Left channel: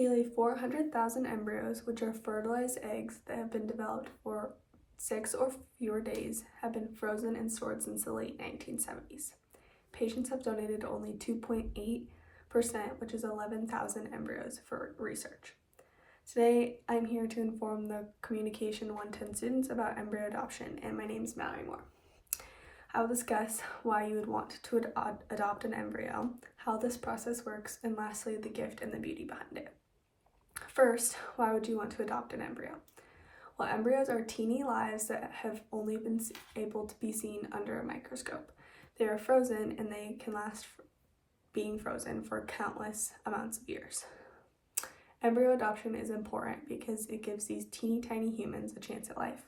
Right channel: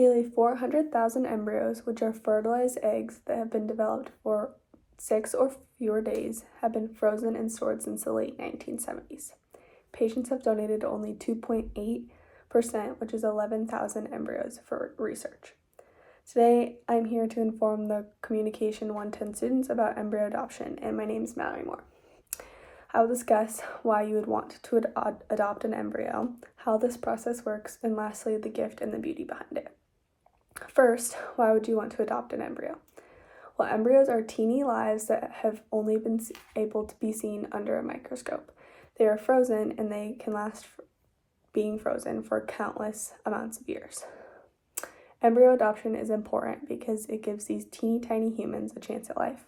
Nearly 400,000 embryos, which are fertilized eggs that have been developed for 6 or fewer days, have been frozen and stored since the late 1970s. Patients have donated only 2.8%, which is 11,000 embryos, for research. Today, I'm here to inform the Communication 110 students about embryo adoption, and my name is Mallory Moore. I will discuss why you would want to adopt an embryo, how this process works, and lastly, the gift and the beauty behind it. First, why would you want to adopt an embryo? Well, embryos are teeny lives that have only been able to be seen under a microscope. They are frozen and they can last being frozen for countless amounts of years. Embryo adoption is important because it gives these teeny tiny humans a chance at life.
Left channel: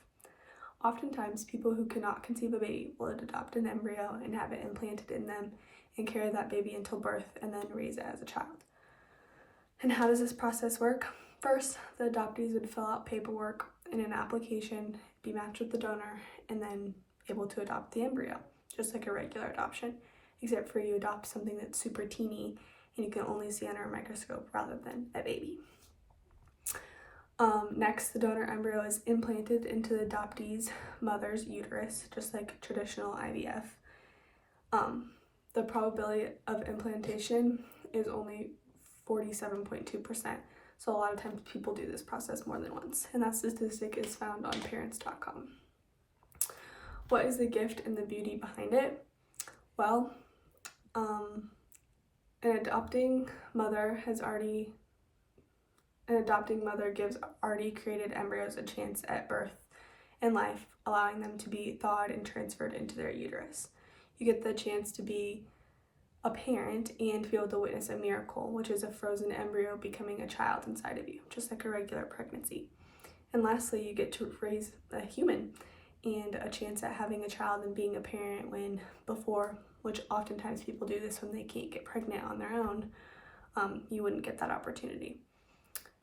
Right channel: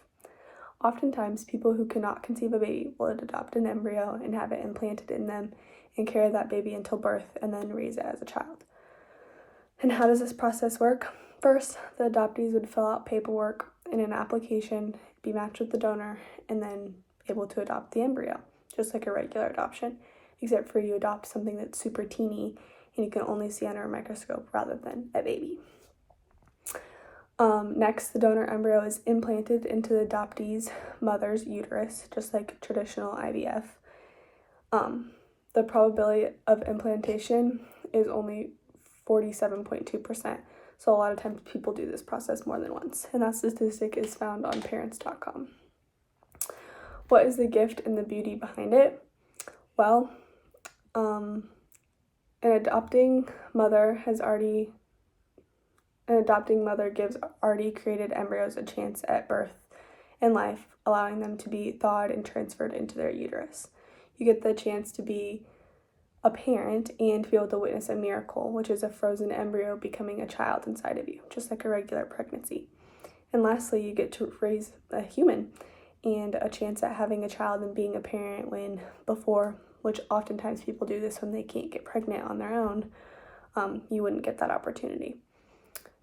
Oftentimes, people who cannot conceive a baby will adopt an embryo and have it implanted in them and carry that baby until birth and then raise it as a child. And how does this process work? First, the adoptees would fill out paperwork in an application, be matched with the donor, and then able to adopt the embryo, just like a regular adoption, except for you adopt something that's super teeny and you can only see under a microscope rather than a baby. Next, the donor embryo is implanted into the adoptee's mother's uterus, just like traditional IVF. The probability of implantation is only 47.2%, so a lot of times people do this process more than once, and that statistic is found on parents.com. What is the gift and the beauty behind it? Well, an adopting mother gives already created embryos a chance at birth and life, allowing them to be thawed and transferred into their uterus. You get the chance to be a parent and to be able to witness a miracle, which is a frozen embryo becoming a child inside of you, just like a regular pregnancy. And lastly, you get to raise a human and a chance at having a child and being a parent when before, which oftentimes people do this when they can't get pregnant on their own, you wouldn't get that opportunity.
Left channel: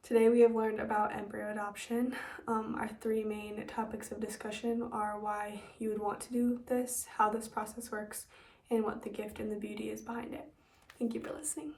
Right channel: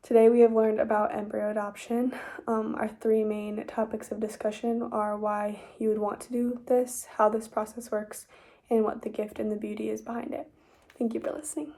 Today we have learned about embryo adoption. Our 3 main topics of discussion are why you would want to do this, how this process works, and what the gift and the beauty is behind it. Thank you for listening.